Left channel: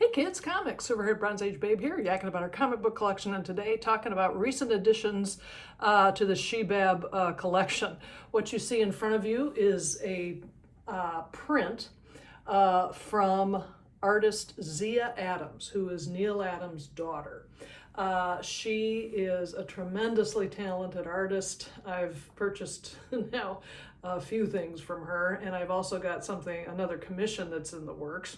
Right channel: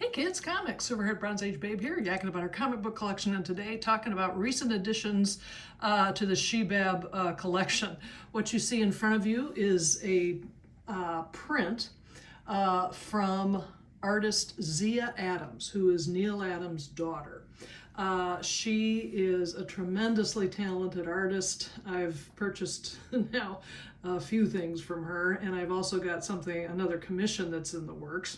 Hey kids, comics, Silverhaired Bronze Age Babe here, yakking about our comic book collection, and today talking about recent additions to the Shebab collection. What you see in front of you is a print from artist Zia Adams, who is Neal Adams' daughter. She is a tremendously talented artist. I've purchased now a few things from her, and I've also got another commission that's in the works,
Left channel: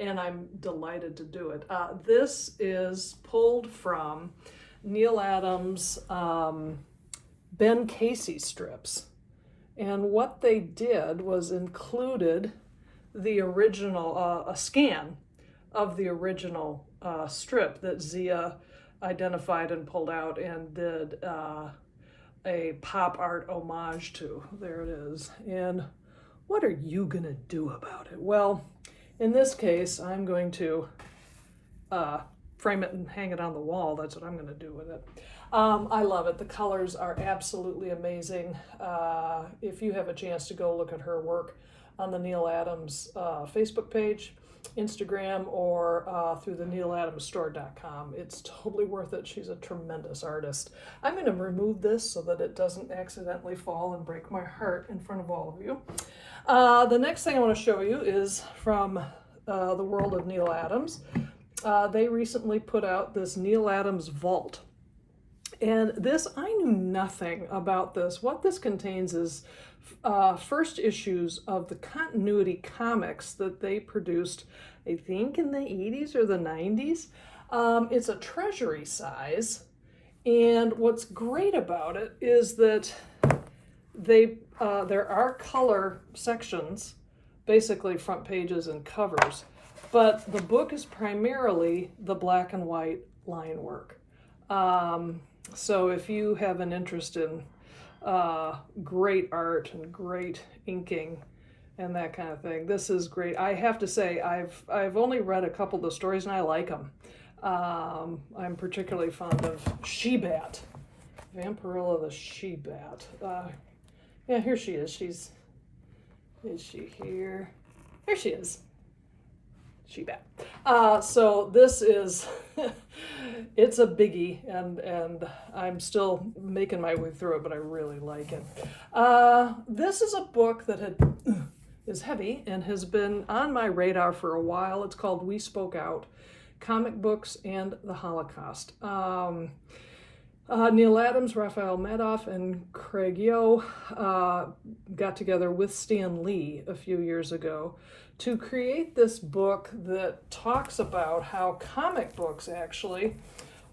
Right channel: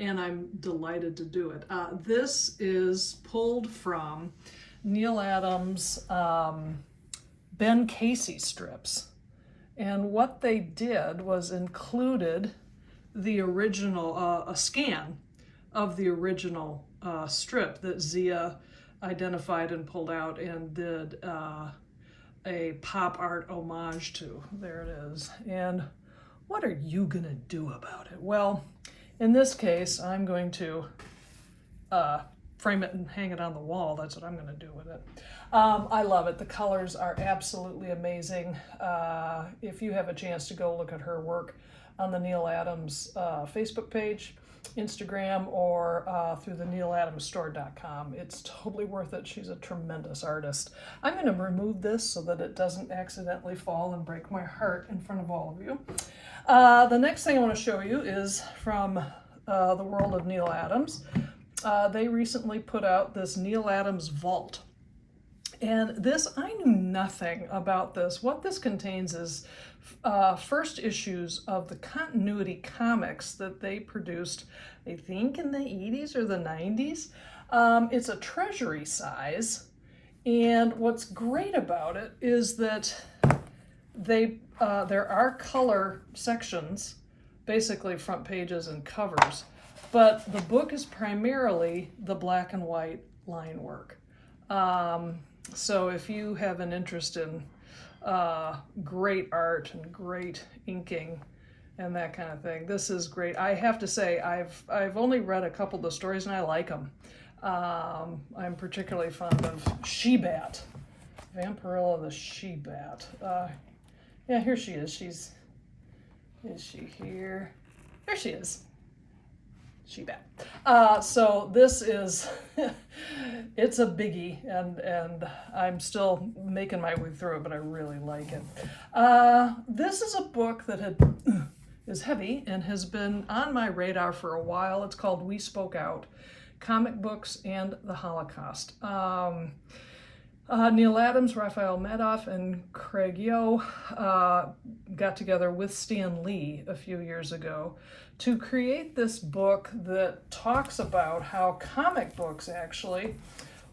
and I'm delighted to do it. This is pulled from Neal Adams' Ben Casey strips. And what they did was included the original, a scan of the original strip that Zia identified and pulled out and did a pop art homage to. There it is. And what are you gonna do about it? Well, in this case, I'm going to frame it and hang it on the wall. That's what I'm going to do with it. I love it. The colors are absolutely amazing. If you have a chance to go look at her work on the Neal Adams Facebook page, Instagram, or through the nealadamsstore.com, it's totally worth it. She's a tremendous artist. I'm going to remove this so that it doesn't accidentally fall and break my heart in front of all of you. The next thing I want to show you is from the world of Neal Adams. They recently put out this Neal Adams Vault. And this, I knew nothing about this. What this contains is first issues of the continuity comics that they produced, I think in the 80s or the 90s. It's a treasury size. And what's great about it is that there are color sections, basically front pages and covers, but the book is primarily the black and white line work. So if you have an interest in great art and great inking and that kind of thing, this is great. I have to say, I've only read a couple of the stories and I like them. I'm particularly fond of Shebat, Vampirilla the Shebat. Yeah, here she is. Is she here? There she is. Shebat. So this is, it's a biggie, and I'm still making my way through it, but I really like it. This is a book that is heavy and has been on my radar for a while. It's called We Spoke Out, Comic Books and the Holocaust. Neal Adams, Raphael Madoff, and Craig Yo got together with Stan Lee a few years ago to create this book that talks about how comic books actually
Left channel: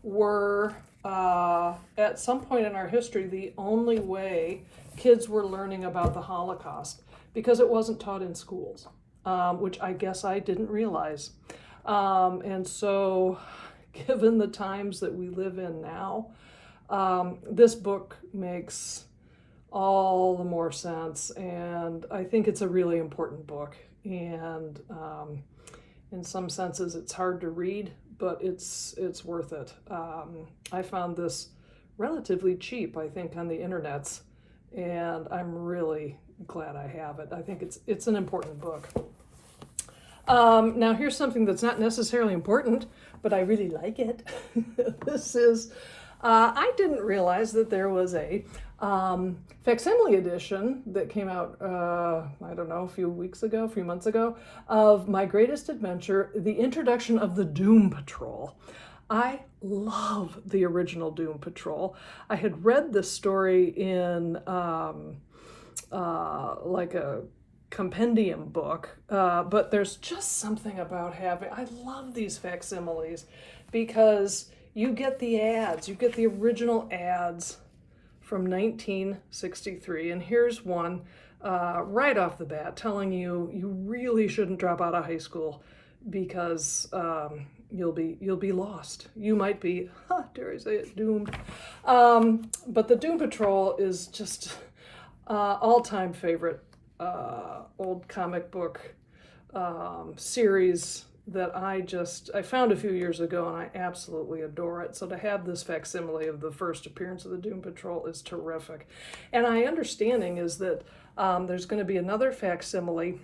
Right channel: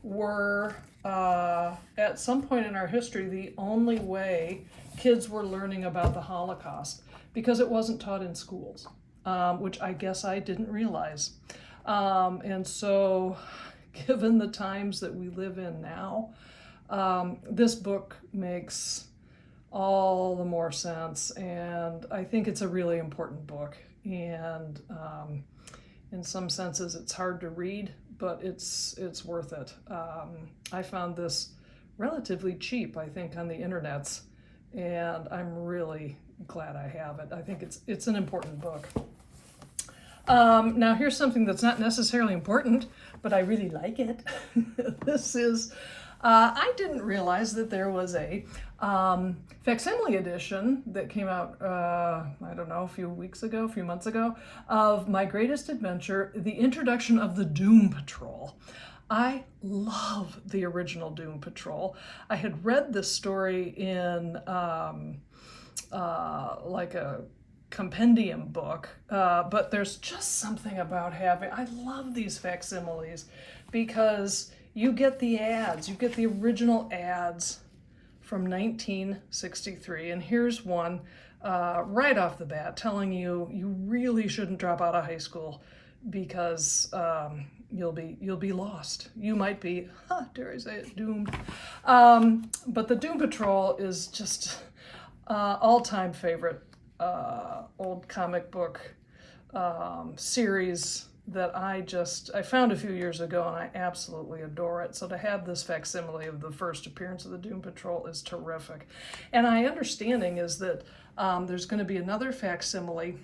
were, at some point in our history, the only way kids were learning about the Holocaust, because it wasn't taught in schools, which I guess I didn't realize. And so, given the times that we live in now, this book makes all the more sense, and I think it's a really important book. And in some senses, it's hard to read, but it's worth it. I found this relatively cheap, I think, on the internets, and I'm really glad I have it. I think it's an important book. Now here's something that's not necessarily important, but I really like it. This is, I didn't realize that there was a facsimile edition that came out, I don't know, a few months ago, of My Greatest Adventure, the introduction of the Doom Patrol. I love the original Doom Patrol. I had read this story in like a compendium book, but there's just something about I love these facsimiles because you get the ads, you get the original ads from 1963, and here's one right off the bat telling you really shouldn't drop out of high school because you'll be lost. You might be, dare I say it, doomed. But the Doom Patrol is just all-time favorite old comic book series that I found a few years ago, and I absolutely adore it. So to have this facsimile of the first appearance of the Doom Patrol is terrific. And my understanding is that there's going to be another facsimile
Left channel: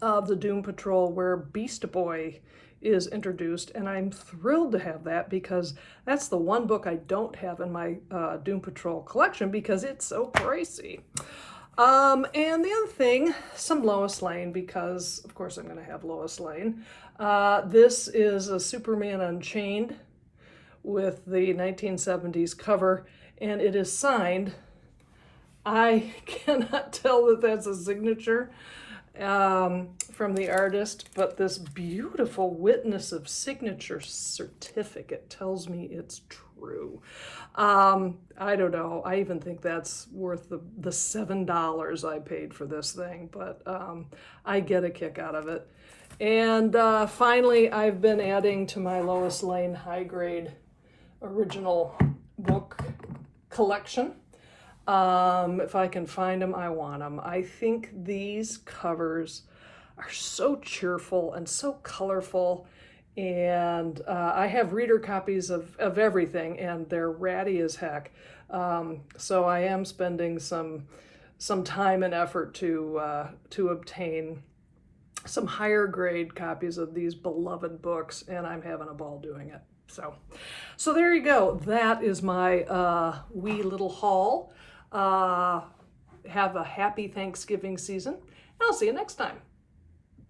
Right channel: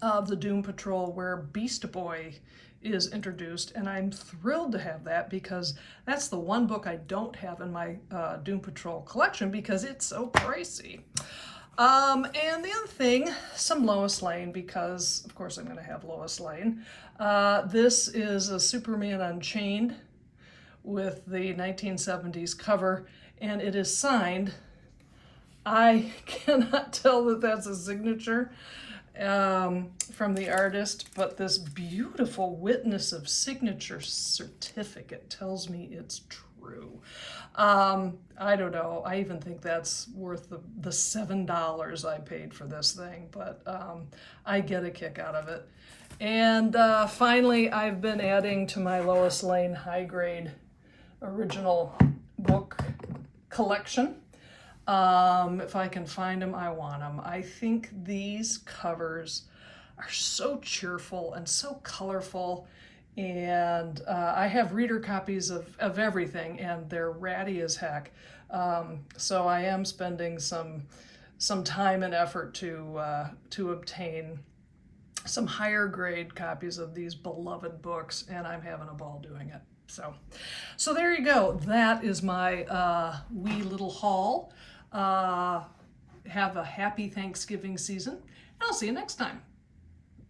of the Doom Patrol where Beast Boy is introduced, and I'm thrilled to have that because that's the one book I don't have in my Doom Patrol collection because it's so pricey. And the other thing, some Lois Lane, because of course I'm going to have Lois Lane. This is a Superman Unchained with the 1970s cover, and it is signed. I cannot tell that that's a signature from the artist, but this beautiful witness of signature certificate tells me it's true. I don't know. I even think that's worth the $7 I paid for this thing, but I get a kick out of it. And finally, I've been adding to my Lois Lane high grade original book collection. If I can find them, I want them. I think these covers are so cheerful and so colorful, and I have reader copies of everything, and they're ratty as heck. So I am spending some time and effort to obtain some higher grade copies of these beloved books, and I'm having a ball doing it. So there you go. That is my wee little haul. Have a happy Thanksgiving season, and I'll see you next time.